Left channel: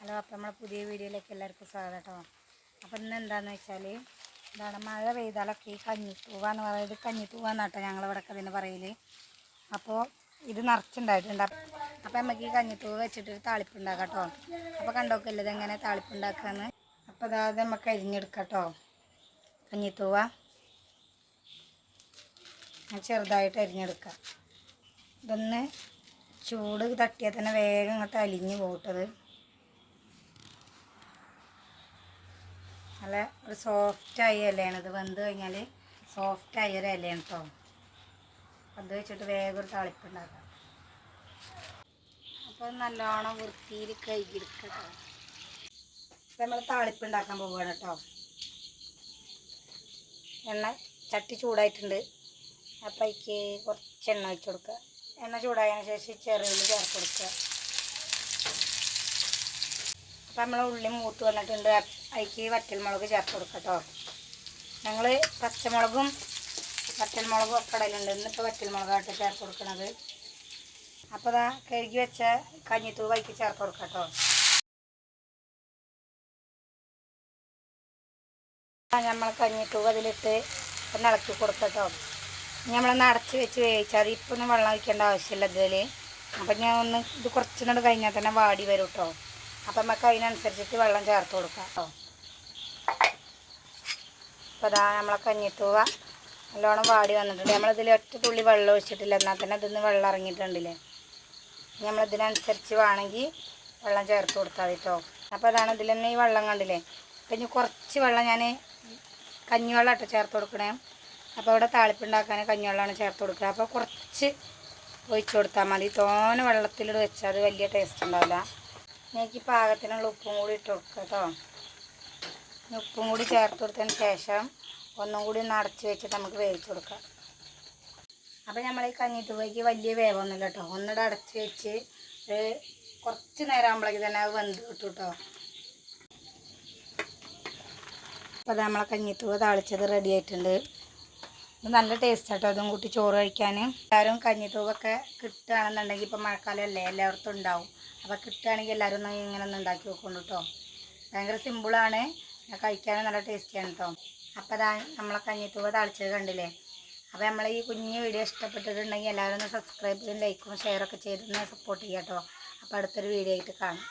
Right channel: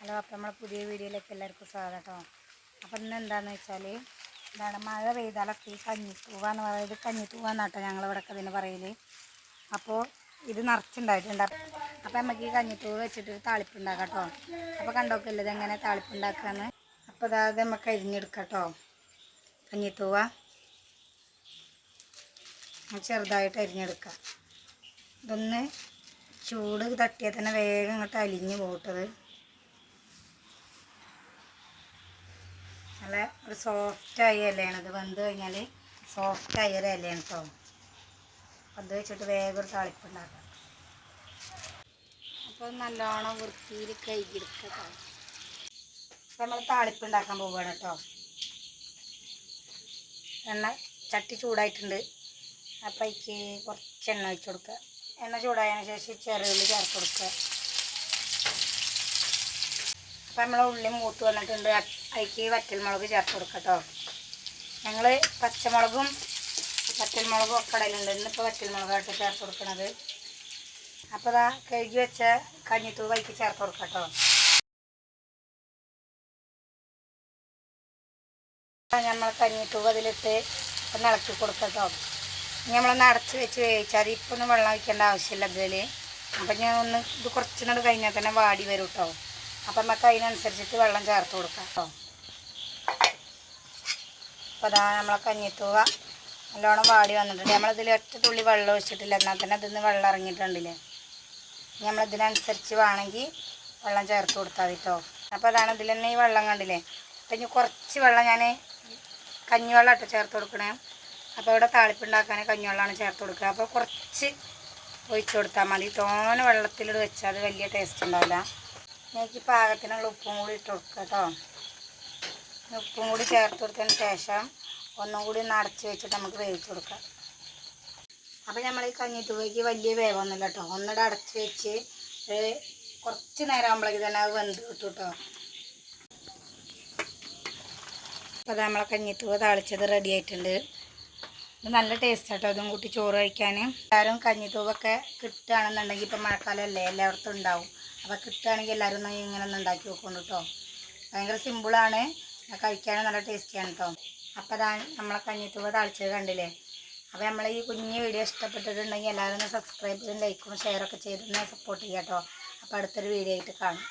Hello അപ്പം നമ്മളെ പുതിയ വീഡിയോയിലേക്ക് എല്ലാവർക്കും സ്വാഗതം. കേട്ടോ അപ്പം ഇന്ന് എന്താണെന്ന് വെച്ചാൽ എന്താണ് മഴ പെയ്താലൊക്കെ ഈ കഞ്ഞിത്തൂവ എന്ന് പറയുന്നത് കഞ്ഞിത്തൂവ എന്നാട്ടോ ഞങ്ങളിവിടെയൊക്കെ അതിന് പറയൽ അപ്പോൾ ഇത് നിറച്ചുണ്ടായിട്ടുണ്ട്. അപ്പം നമുക്ക് ഈ കഞ്ഞിത്തൂവ വെച്ചിട്ടൊരു താളിപ്പുണ്ടാക്കാം താളിപ്പ് കേട്ടോ അപ്പോൾ കണ്ടോക്കില്ല ഇതെങ്ങനെ താളിപ്പുണ്ടാക്കാന്ന് അപ്പോൾ അതായത് നമുക്ക് അരിഞ്ഞെടുക്കാം കേട്ടോ കഞ്ഞിത്തൂവ ചെറുതായിട്ട് അരിഞ്ഞെടുക്കാം. ഇതൊന്ന് ചൂട് തട്ടിയാൽ തന്നെ വേഗം ഇങ്ങോട്ട് അലിഞ്ഞ് പോട്ടത്. നല്ല ഒരു സോഫ്റ്റായ ഇലയാണ്. ഇത് വെന്ത് കഴിഞ്ഞാൽ സോഫ്റ്റായ ഒരു ഇലയാണ് കേട്ടോ അത് വെച്ചിട്ട് വേഗം ഒരു താളിപ്പുണ്ടാക്കാം അപ്പോൾ നല്ലോണം വൃത്തിയിൽ കഴുകിയെടുക്കുക കേട്ടോ അപ്പോൾ നമ്മൾ താളിപ്പ് ഉണ്ടാക്കാൻ പോവുകയാണ് കേട്ടോ എണ്ണ ചട്ടി ചൂടായിട്ടുണ്ട്. അപ്പോൾ അതിക്ക് കുറച്ച് എണ്ണ വെച്ച് കൊടുക്കുക എണ്ണ ചൂടായതിനു ശേഷം ചെറുതിൽ ചേർത്ത് കൊടുക്കുക അപ്പം നമ്മളെ ഉള്ളി മൂത്ത് വന്നിട്ടുണ്ട്. അതിക്ക് വറ്റൽമുളക് ചേർത്ത് കൊടുക്കട്ടോ കേട്ടോ ഞങ്ങൾ പച്ചമുളകും വറ്റൽമുളകും ഒക്കെ ഇടലുണ്ട് ഇന്നിപ്പോൾ വറ്റൽമുളകായിട്ട് ചേർത്ത് കൊടുക്കണത്. അപ്പോൾ അതാ കഴുകി വെച്ച കഞ്ഞിത്തൂവ് വൈക്ക് ചേർത്ത് കൊടുക്കട്ടോ കേട്ടോ നമ്മൾ കഞ്ഞിത്തൂവ് അതിലിട്ട് ഒന്ന് ഇളക്കി കൊടുക്കട്ടോ നമ്മളൊന്ന് അടച്ച് വെച്ച് വേവിച്ചാൽ മതി ഇപ്പം ഒന്നും വെള്ളം ഒഴിക്കേണ്ട ആവശ്യമില്ല ഇതിൽ അപ്പം ഞാൻ ഒന്ന് ഇത് കുറച്ച് നാട് കഴിഞ്ഞാൽ തന്നെ വാടി വരും കേട്ടോ അപ്പം നമുക്ക് അതിനനുസരിച്ചിട്ട് വെള്ളം ചേർത്ത് കൊടുക്കാം. അപ്പോൾ അതാ നമ്മളെ കഞ്ഞിത്തൂവ നല്ലോണം വാടി വന്നിട്ടുണ്ട്. നമ്മളിതിൽ ഒറ്റ തുള്ളി വെള്ളം ഒഴിച്ചിട്ടില്ല. എന്നാൽ തന്നെ ഇതിന്ന് വെള്ളം ഇറങ്ങിയിട്ടുണ്ടല്ലേ. നമ്മളിതിനനുസരിച്ച് വേണമെങ്കിൽ വെള്ളം ചേർത്ത് കൊടുത്താൽ മതി കേട്ടോ അപ്പോൾ അതാണ് ഇതിൽ തന്നെ ഈ വെള്ളം കണ്ടില്ലേ. അപ്പം ഇനി കുറച്ച് വെള്ളം ഞാൻ കഞ്ഞിവെള്ളം ഇട്ട് ചേർത്ത് കൊടുക്കണേ. അപ്പോൾ ഇവിടെ താളിപ്പുണ്ടാക്കാൻ കഞ്ഞിവെള്ളമാണ് ചേർത്ത് കൊടുക്കുക അപ്പോൾ കുറച്ച് ഒഴിച്ചു കൊടുത്താൽ മതി. തോന വെള്ളത്തിലിട്ട് വെച്ചാൽ അത് വലിയ ടേസ്റ്റ് ഉണ്ടാവില്ല. എനിക്ക് പാകത്തിനുള്ള ഉപ്പും കൂടി ഇട്ട് കൊടുക്കുക കേട്ടോ ഉപ്പും കൂടി ചേർത്ത് കൊടുത്തതിന് ശേഷം ഒന്നും കൂടി ഒന്ന് അടച്ച് വെച്ചിട്ട് നമുക്ക് വേവിച്ച് കൊടുക്കാം. അപ്പോൾ നമ്മൾ ഈ കഞ്ഞിത്തുവയ്ക്ക് വലിയ വേവൊന്നുമില്ല കേട്ടോ ഒന്നിടെ അടച്ച് വെച്ച് കുറച്ച് നേരം ആകുമ്പോഴേക്ക് തന്നെ അത് വെന്ത് കിട്ടും കേട്ടോ അപ്പോൾ നമ്മളെ കഞ്ഞിത്തുവ താളിച്ചത് റെഡി ആയിട്ടുണ്ട്. ഇത് നല്ല ടേസ്റ്റ് കേട്ടോ അതും കൂട്ടി ചോറ് കഴിക്കാൻ. എല്ലാവരും കഞ്ഞിത്തൂവൊക്കെ കിട്ടുകയാണെന്നുണ്ടെങ്കിൽ ഇപ്പം മഴക്കാലമല്ലേ എല്ലായിടത്തും ഉണ്ടാവും. അപ്പോൾ കിട്ടുകയാണെങ്കിൽ എല്ലാവരും ഒന്ന് ഇങ്ങനെ ഒന്ന് ഉണ്ടാക്കി വെക്കുന്നു കേട്ടോ. ഭയങ്കര സിമ്പിളാണ്. കഴിക്കാനും നല്ല ടേസ്റ്റിയാണ് കേട്ടോ. അപ്പോൾ അതാ നമ്മളെ കഞ്ഞിത്തൂവ തളിച്ചത് കണ്ടില്ലേ? അപ്പോൾ നമ്മൾ ഈ കുഞ്ഞു വീഡിയോ ഇഷ്ടപ്പെട്ടിട്ടുണ്ടെങ്കിൽ എല്ലാവരും സബ്സ്ക്രൈബ് ചെയ്തും ലൈക്കും ഷെയറൊക്കെ ചെയ്തൊന്ന് സപ്പോർട്ട് ചെയ്യാം കേട്ടോ. അപ്പോൾ അടുത്തൊരു വീഡിയോ ആയിട്ട് കാണാം.